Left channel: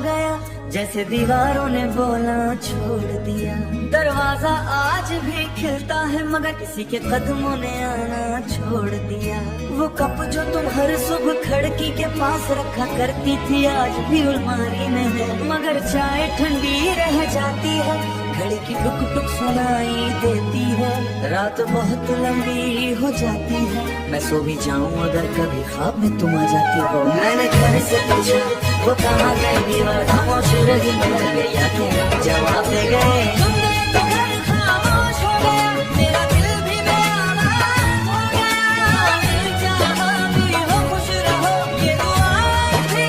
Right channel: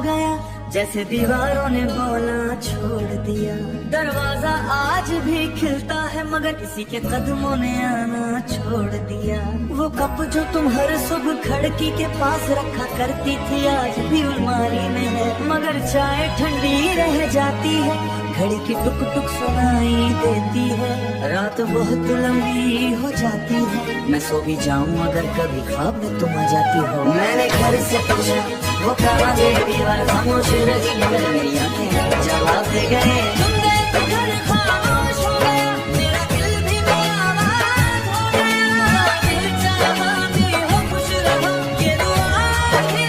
गया, जैसे दीवारों ने बोलना छोड़ दिया। दरवाजा आज भी खिलता है मगर किसी के कदमों ने आना छोड़ दिया। वो कप जो तुम हर सुबह खिड़की के पास रखा करती थी आज भी अलमारी में है, मगर चाय ठंडी रह जाती है, घड़ी की टुक टुक सुनाई देती है। रात बहुत लंबी हो जाती है, मैं सो भी जाऊं अगर कभी ख्वाब में तुम आ जाती हो। मैंने घर से पूछा वो कहाँ गए, दीवार खामोश रही, मेरी आंखें जवाब दे गए। तुम गए तो घर खामोश हो गया, मेरा दिल भी बेआवाज़ हो गया। दिल चाहा कि हो खुश रहो, ये दुआ भी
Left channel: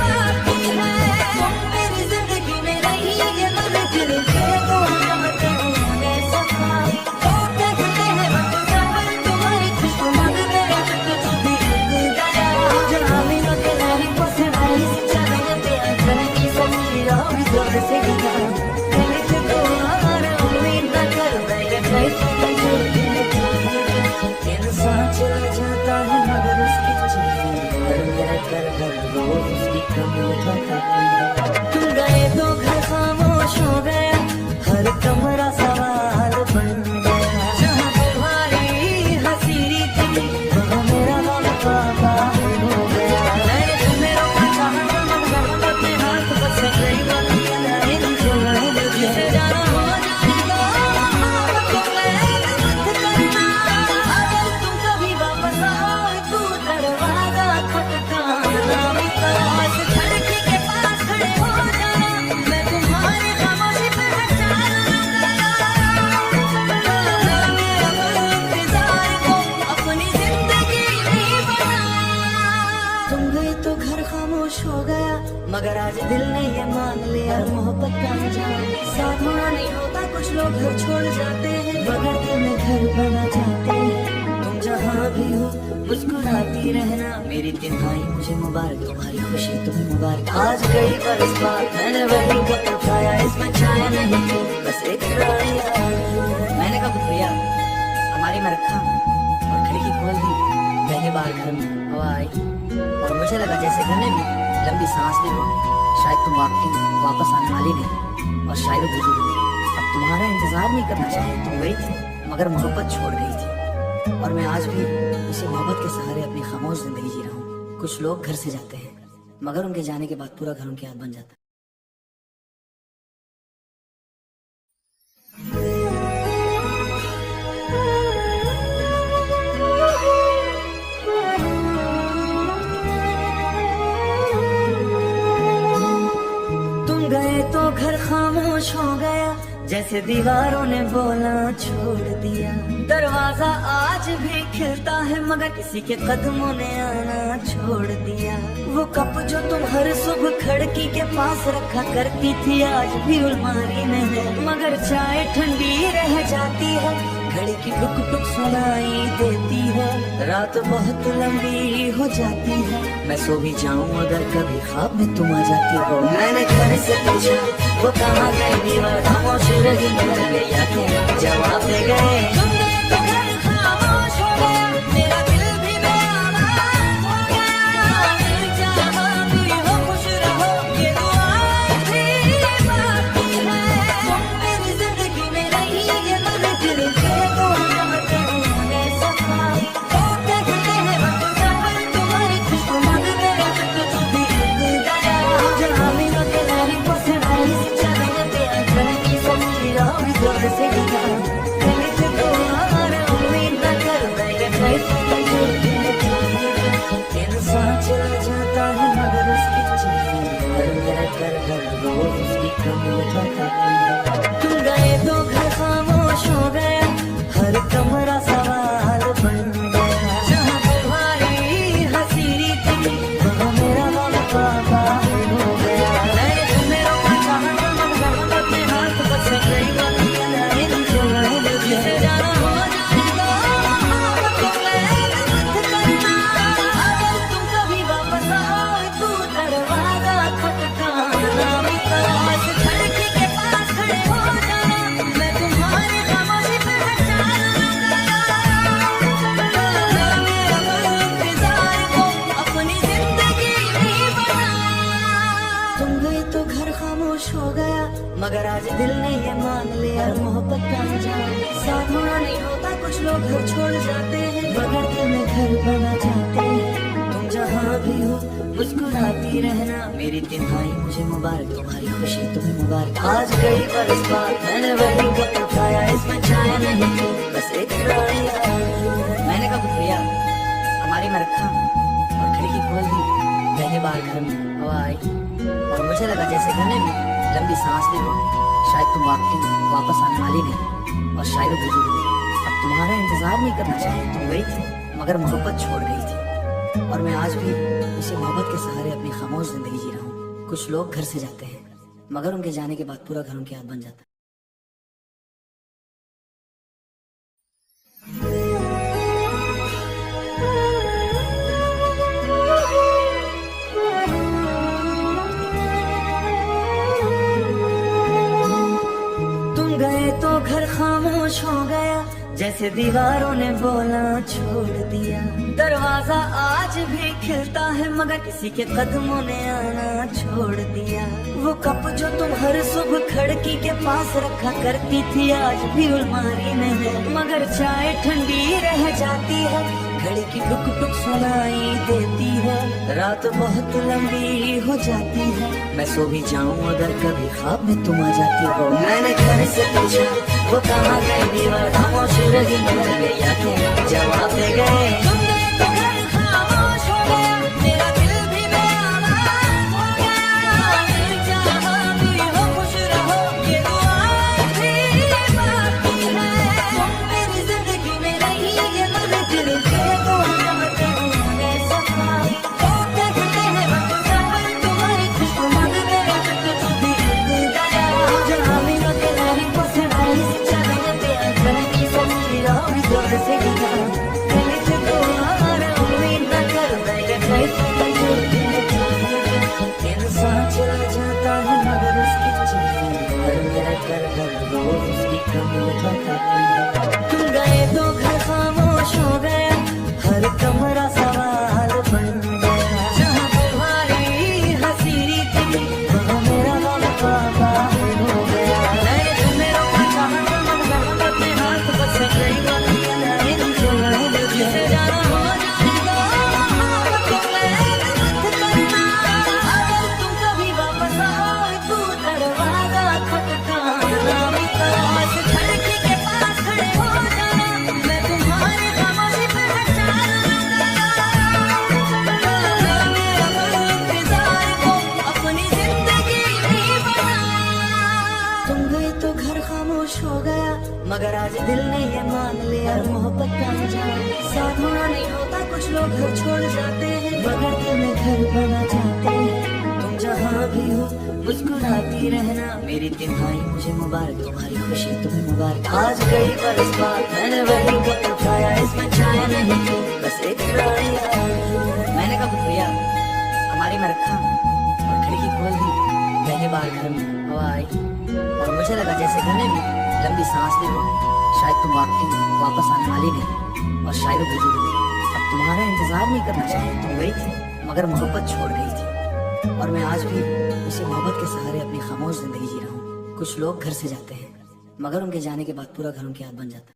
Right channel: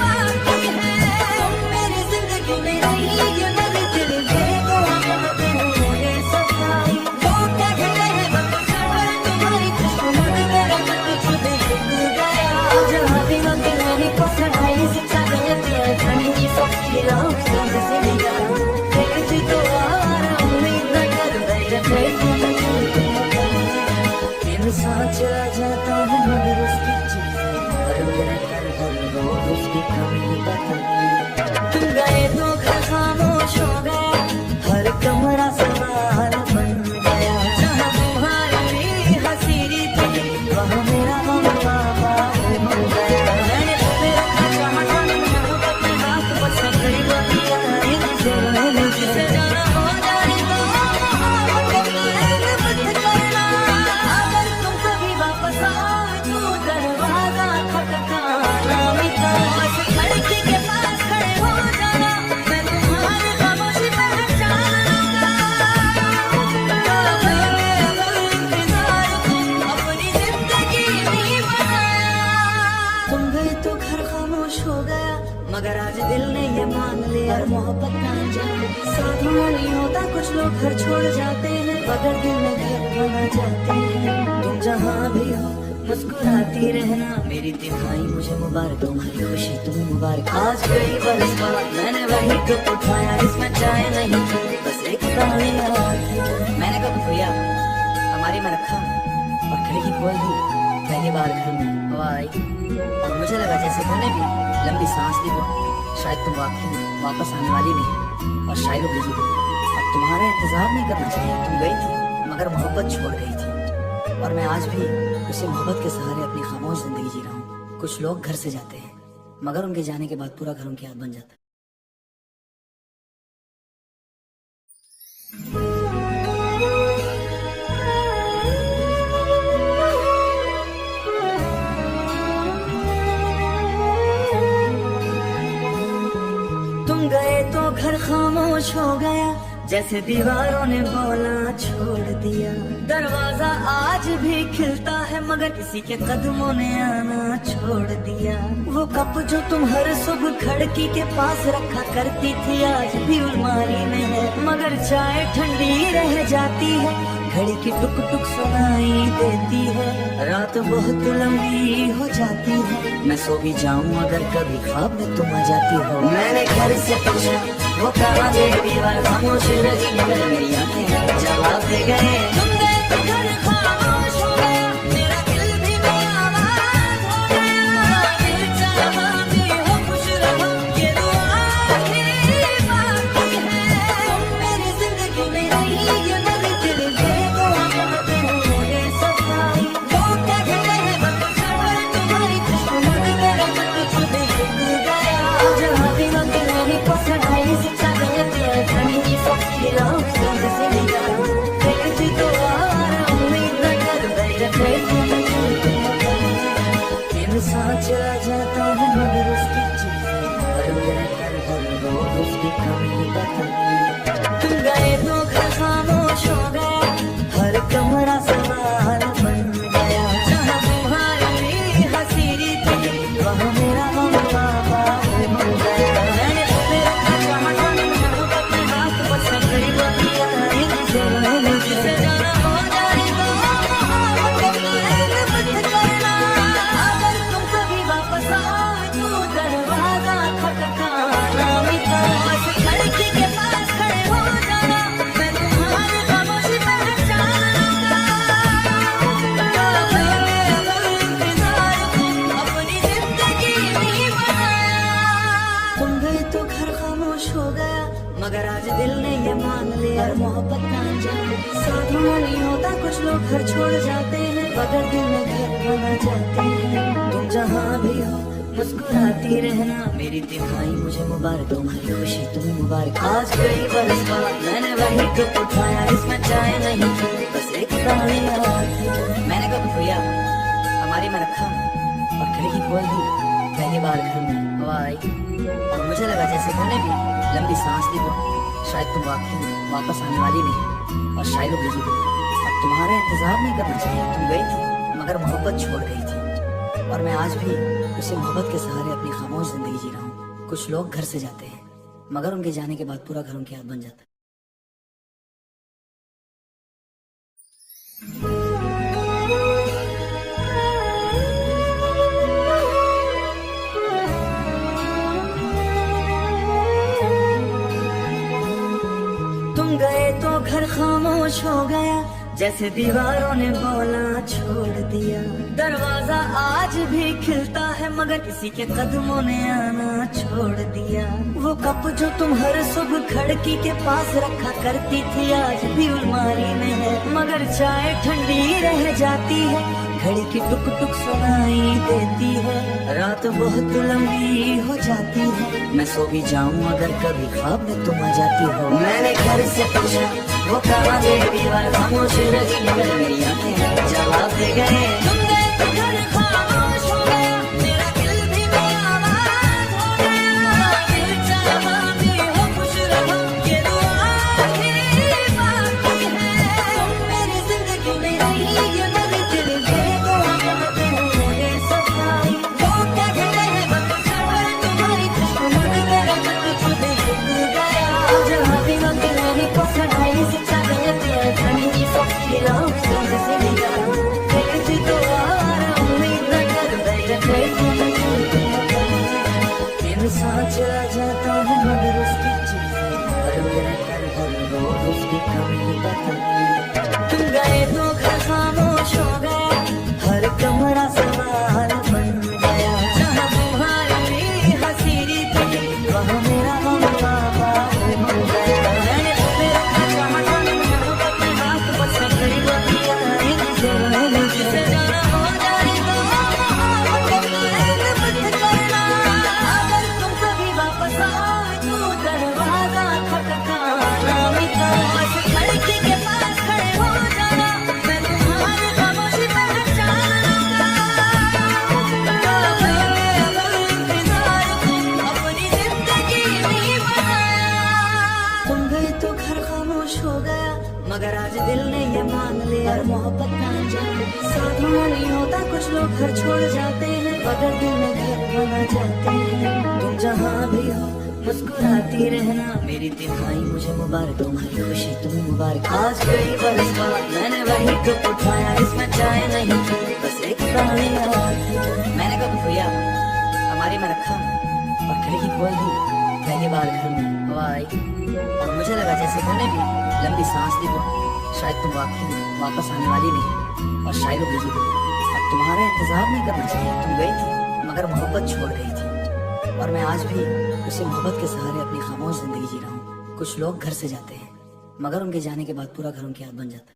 बाकी है। तुम मेरी जिंदगी में रही ये मेरे तेरे तेरे चला जाता है मगर उसकी चीज़ें और मेरे घर घर वो उसकी कमी बताई है। तुम गए तो घर खामोश हो गए, हर कमरा सवाल बन गया। जहाँ तुम्हारी हसीरी थी वहाँ मेरा गम बाबा हो गया। मैंने तुम्हें रोका चाहा था मगर अपने हाथ बस गई मन जिसे जाना हो जाएगा तो मत करना। तुम गए तो घर खामोश हो गया, मगर आज दिल ने ये मान लिया मोहब्बत का जाने साथ हुआ नहीं होता। कुछ लोग घर छोड़ जाते हैं मगर दिल में घर बना जाते हैं। तुम जहाँ भी हो मुस्कुराती रहना, मेरी तिहाई मुझे मुबारक, तुम्हारी खुशी तुम्हें मुबारक। आज कई बरस बाद मैंने वही कप उठाया, इसमें चाय नहीं थी बस एक मैंने कब भैया हमारी में रखा और खिड़की खोल दी। पहली बार घर में हवा आई और मुझे लगा जैसे घर ने भी लंबी सांस ली हो, शायद तुम वाकई वापस आने वाली नहीं और शायद बुझ गई। अब तुम्हारा इंतजार नहीं करना चाहिए, तुम गई थी मगर मोहब्बत छोड़ गई थी और मैं आज भी इसी मोहब्बत के सहारे अपनी खामोश जिंदगी जी रहा हूँ। कुछ लोग घर से जाते हैं मगर उनके जाने के बाद पूरा घर उनकी याद बन जाता है। तुम गए तो घर खामोश हो गया, जैसे दीवारों ने बोलना छोड़ दिया। दरवाजा आज भी खिलता है मगर किसी के कदमों ने आना छोड़ दिया। वो कप जो तुम हर सुबह खिड़की के पास रखा करती थी आज भी अलमारी में है, मगर चाय ठंडी रह जाती है, घड़ी की टुक टुक सुनाई देती है। रात बहुत लंबी हो जाती है, मैं सो भी जाऊं अगर कभी ख्वाब में तुम आ जाती हो। मैंने घर से पूछा वो कहाँ गए, दीवार खामोश रही, मेरी आंखें जवाब दे गए। तुम गए तो घर खामोश हो गया, मेरा दिल भी बेआवाज़ हो गया। दिल चाहा कि हो खुश रहो, ये दुआ भी बाकी है। तुम मेरी जिंदगी में रही ये मेरे तेरे तेरे चला जाता है मगर उसकी चीज़ें और मेरे घर घर वो उसकी कमी बताई है। तुम गए तो घर खामोश हो गए, हर कमरा सवाल बन गया। जहाँ तुम्हारी हसीरी थी वहाँ मेरा गम बाबा हो गया। मैंने तुम्हें रोका चाहा था मगर अपने हाथ बस गई मन जिसे जाना हो जाएगा तो मत करना। अगर तुम कभी वापस आओ तू दरवाजा खटकाना मिटा, बस खिड़की के पास खड़े हो जाना, मैं तुम्हारी खामोशी पहचानूंगा। मैंने अब इंतजार को अपनी जिंदगी बना। तुम गए खामोश हो गया, मगर आज दिल ने ये मान लिया मोहब्बत का जान साथ हुआ नहीं होता। कुछ लोग घर छोड़ जाते हैं, बगैर दिल में घर बना जाते हैं। तुम जहाँ भी हो मुस्कुराती रहना, मेरी तिहाई मुझे मुबारक, तुम्हारी खुशी तुम्हें मुबारक। आज कई बरस बाद मैंने वही कप उठाया, इसमें चाय नहीं पी बस एक नाम आया। मैंने कब भैया हमारी में रखा और खिड़की खोल दी, पहली बार घर में हवा आई और मुझे लगा जैसे मैंने भी लंबी सांस ली हो, शायद तुम वापस आने वाली नहीं और शायद गुजर गई। अब तुम्हारा इंतजार नहीं करना चाहिए, तुम गई थी मगर मोहब्बत छोड़ गई थी और मैं आज भी उसी मोहब्बत के सहारे अपनी खामोश जिंदगी जी रहा हूँ। कुछ लोग घर से जाते हैं मगर उनके जाने के बाद पूरा घर उनकी याद बन जाता है। तुम गए तो घर खामोश हो गया, जैसे दीवारों ने बोला छोड़ दिया। दरवाजा आज भी खिलता है मगर किसी के कदमों ने आना छोड़ दिया। वो कप जो तुम हर सुबह खिड़की के पास रखा करती थी, आज भी अलमारी में है मगर चाय ठंडी रह जाती है। घड़ी की टुक टुक सुनाई देती है, रात बहुत लंबी हो जाती है। मैं सो भी जाऊं अगर कभी ख्वाब में तुम आ जाती हो। मैंने घर से पूछा वो कहाँ गए, दीवार खामोश रही, मेरी आंखें जवाब दे गए। तुम गए तो घर खामोश हो गया, मेरा दिल भी बेआवाज हो गया। दिल चाहा भी हो खुश रहो, ये दुआ भी बाकी है। तुम मेरी जिंदगी में रही ये मेरे दिल की इंसान चला जाता है मगर उसकी चीज़ें और मेरा घर भर हो उसकी कमी बताती है। तुम गए तो घर खामोश हो गया, हर कमरा सवाल बन गया। जहाँ तुम्हारी हसीरी थी वहाँ मेरा गम बाबा हो गया। मैंने तुम्हें रोका चाहा था मगर अपने हाथ बस गई मुझे जाना हो जाएगा। हो गया मगर आज दिल ने ये मान लिया मोहब्बत का जान साथ हुआ नहीं होता। कुछ लोग घर छोड़ जाते हैं, बगैर दिल में घर बना जाते हैं। तुम जहाँ भी हो मुस्कुराती रहना, मेरी तिहाई मुझे मुबारक, तुम्हारी खुशी तुम्हें मुबारक। आज कई बरस बाद मैंने वही कप उठाया, इसमें चाय नहीं पी बस एक नाम आया। मैंने कब भैया हमारी में रखा और खिड़की खोल दी, पहली बार घर में हवा आई और मुझे लगा जैसे मैंने भी लंबी सांस ली हो, शायद तुम वापस आने वाली नहीं और शायद गुजर गई। अब तुम्हारा इंतजार नहीं करना चाहिए, तुम गई थी मगर मोहब्बत छोड़ गई थी और मैं आज भी उसी मोहब्बत के सहारे अपनी खामोश जिंदगी जी रहा हूँ। कुछ लोग घर से जाते हैं मगर उनके जाने के बाद पूरा घर उनकी याद बन जाता है।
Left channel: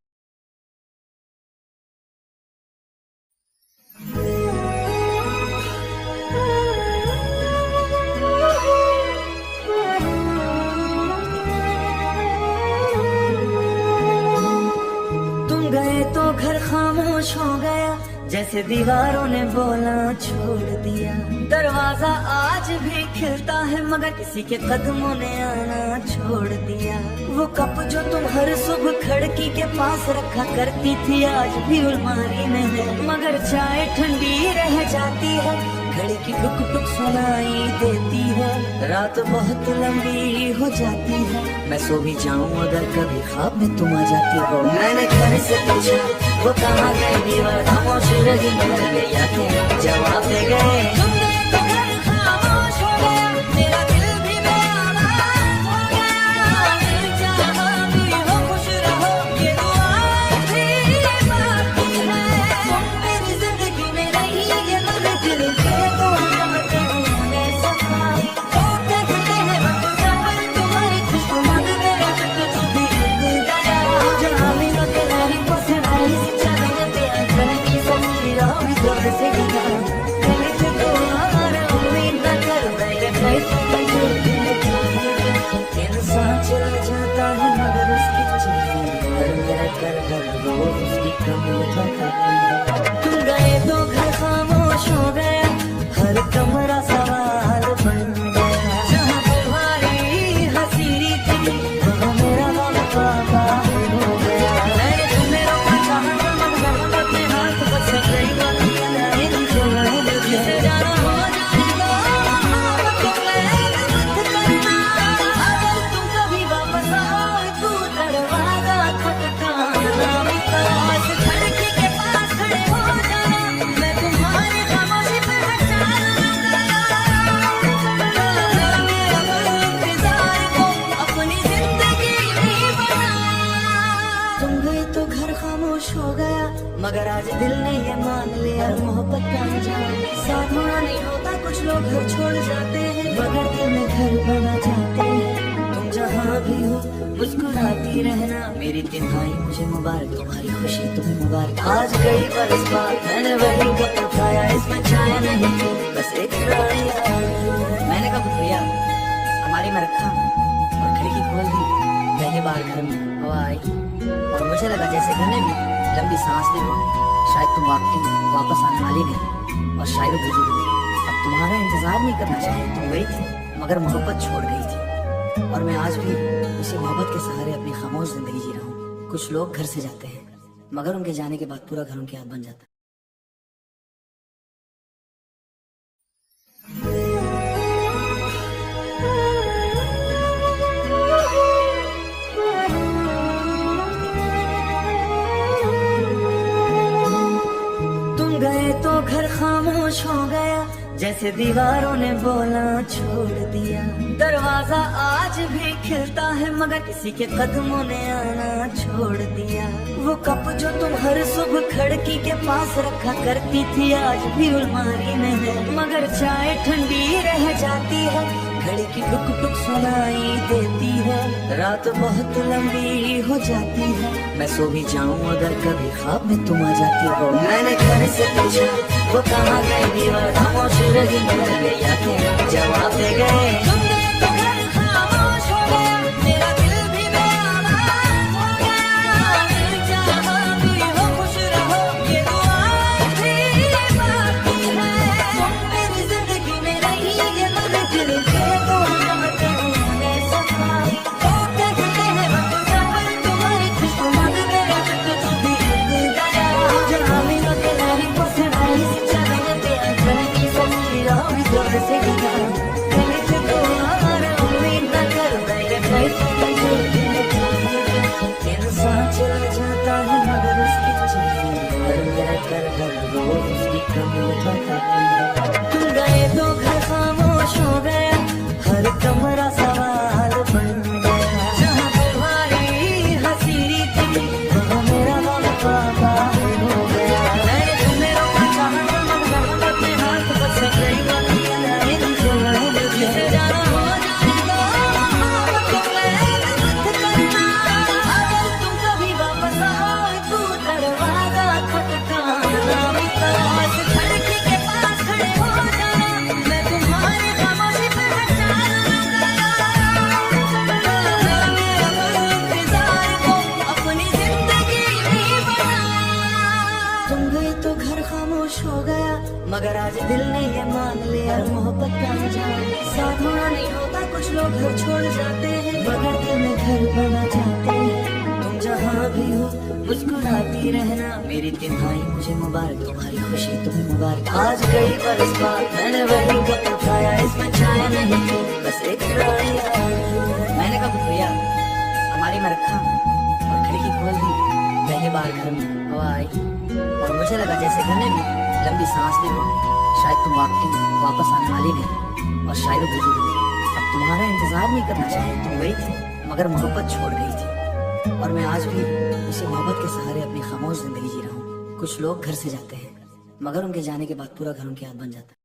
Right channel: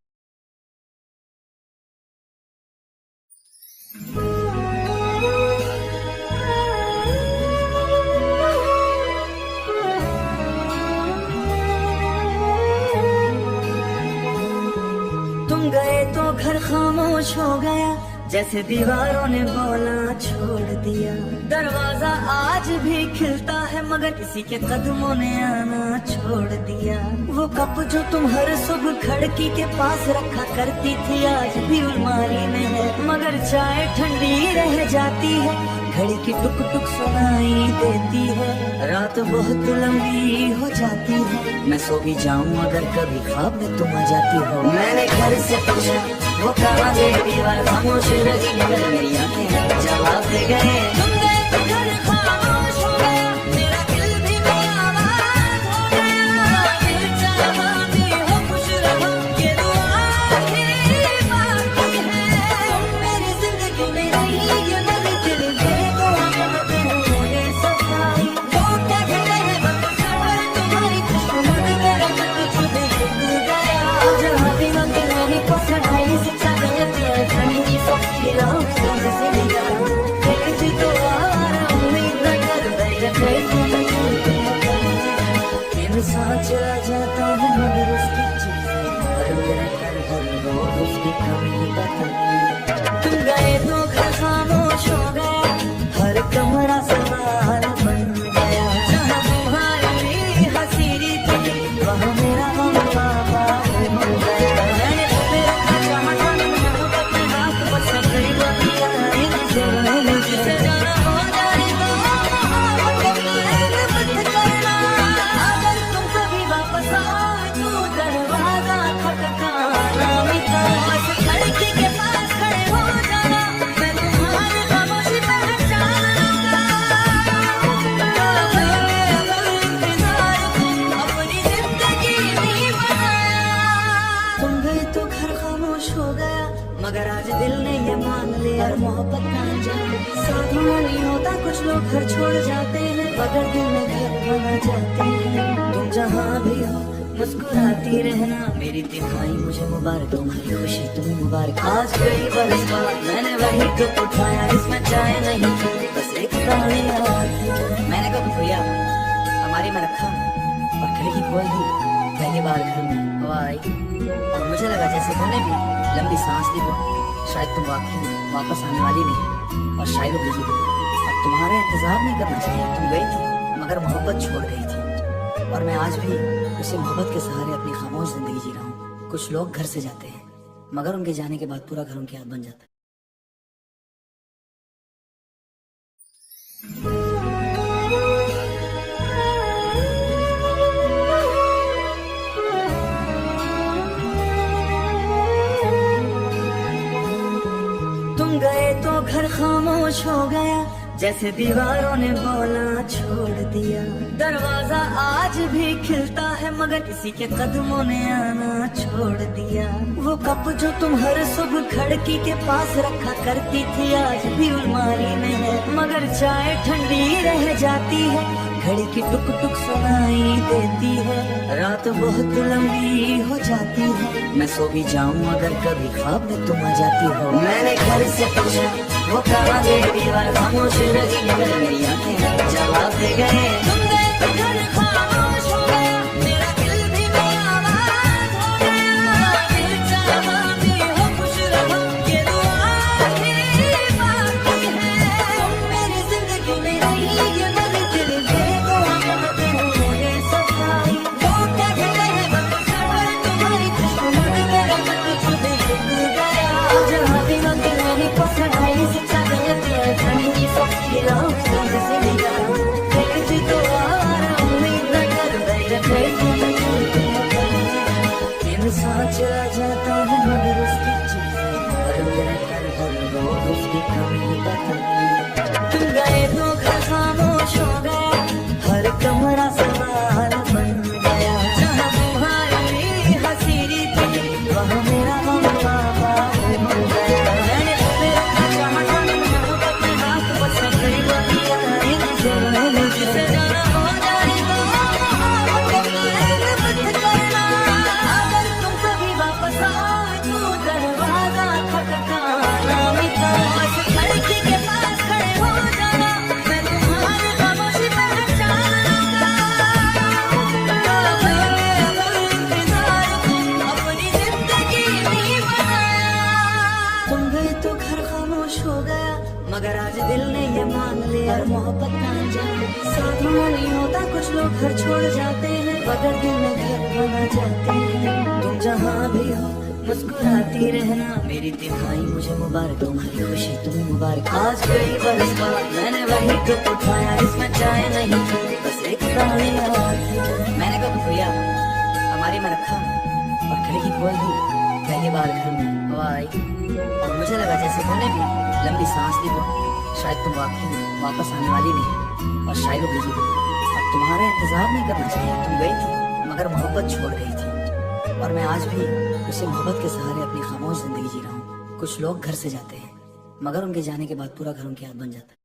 तुम गए तो घर खामोश हो गया, जैसे दीवारों ने बोला छोड़ दिया। दरवाजा आज भी खिलता है मगर किसी के कदमों ने आना छोड़ दिया। वो कप जो तुम हर सुबह खिड़की के पास रखा करती थी, आज भी अलमारी में है मगर चाय ठंडी रह जाती है। घड़ी की टुक टुक सुनाई देती है, रात बहुत लंबी हो जाती है। मैं सो भी जाऊं अगर कभी ख्वाब में तुम आ जाती हो। मैंने घर से पूछा वो कहाँ गए, दीवार खामोश रही, मेरी आंखें जवाब दे गए। तुम गए तो घर खामोश हो गया, मेरा दिल भी बेआवाज हो गया। दिल चाहा भी हो खुश रहो, ये दुआ भी बाकी है। तुम मेरी जिंदगी में रही ये मेरे दिल की दुआ। लोग घर छोड़ जाते हैं, बगैर दिल में घर बना जाते हैं। तुम जहाँ भी हो मुस्कुराती रहना, मेरी तिहाई मुझे मुबारक, तुम्हारी खुशी तुम्हें मुबारक। आज कई बरस बाद मैंने वही कप उठाया, इसमें चाय नहीं पीती बस एक पुरानी याद। मैंने कब खोया हमारी में रखा और खिड़की खोल दी, पहली बार घर में हवा आई और मुझे लगा जैसे मैंने भी लंबी सांस ली हो, शायद तुम वापस आने वाली नहीं और शायद वो बुझी गई। अब तुम्हारा इंतजार नहीं करना चाहिए, तुम गई थी मगर मोहब्बत छोड़ गई थी और मैं आज भी इसी मोहब्बत के सहारे अपनी खामोश जिंदगी जी रहा हूँ। कुछ लोग घर से जाते हैं मगर उनके जाने के बाद पूरा घर उनके याद बन जाता है। तुम गए तो घर खामोश हो गया, जैसे दीवारों ने बोला छोड़ दिया। दरवाजा आज भी खिलता है मगर किसी के कदमों ने आना छोड़ दिया। वो कप जो तुम हर सुबह खिड़की के पास रखा करती थी, आज भी अलमारी में है मगर चाय ठंडी रह जाती है। घड़ी की टुक टुक सुनाई देती है, रात बहुत लंबी हो जाती है। मैं सो भी जाऊं अगर कभी ख्वाब में तुम आ जाती हो। मैंने घर से पूछा वो कहाँ गए, दीवार खामोश रही, मेरी आंखें जवाब दे गए। तुम गए तो घर खामोश हो गया, मेरा दिल भी बेआवाज़ हो गया। दिल चाहा भी हो खुश रहो, ये दुआ भी बाकी है। तुम मेरी जिंदगी में रही ये मगर दिल फिर तुम बदले सफाई। तो कहते हैं हम सफर तुम्हारी खुशनुमा मेरा कुछ भी गया। जहाँ भी ना तेरी पसंद आई से चले तेरे मन की सच्ची राह से गया। तेरे से तो यार उम्मीद न कर मेरा कैसे इंसान चला जाता है मगर उसकी चीज़ें पर मेरा घर वो उसकी कमी बताती है। तुम गए तो घर खामोश हो गया, हर कमरा सवाल बन गया। जहाँ तुम्हारी हंसी थी वहाँ मेरा गम बाबा हो गया। मैंने तुम्हें रोका चाहा था मगर अपने हाथ बस गई मुझे जाना हो जाएगा मत करना। अगर तुम कभी वापस आओ तू दरवाजा खटकाना मिटा, खिड़की के पास खड़े हो जाना, मैं तुम्हारी खामोशी पहचानूंगा। इंतजार को अपनी जिंदगी में बना। तुम गए तो घर खामोश हो गया मगर आज दिल ने ये मान लिया मोहब्बत का जाने साथ नहीं होता। कुछ लोग घर छोड़ जाते हैं, बगैर दिल में घर बना जाते हैं। तुम जहाँ भी हो मुस्कुराती रहना, मेरी तिहाई मुझे मुबारक, तुम्हारी खुशी तुम्हें मुबारक। आज कई बरस बाद मैंने वही कप उठाया, इसमें चाय नहीं पीती बस एक पुरानी याद। मैंने कब खोया हमारी में रखा और खिड़की खोल दी, पहली बार घर में हवा आई और मुझे लगा जैसे मैंने भी लंबी सांस ली हो, शायद तुम वापस आने वाली नहीं और शायद वो बुझी गई। अब तुम्हारा इंतजार नहीं करना चाहिए, तुम गई थी मगर मोहब्बत छोड़ गई थी और मैं आज भी इसी मोहब्बत के सहारे अपनी खामोश जिंदगी जी रहा हूँ। कुछ लोग घर से जाते हैं मगर उनके जाने के बाद पूरा घर उनके याद बन जाता है।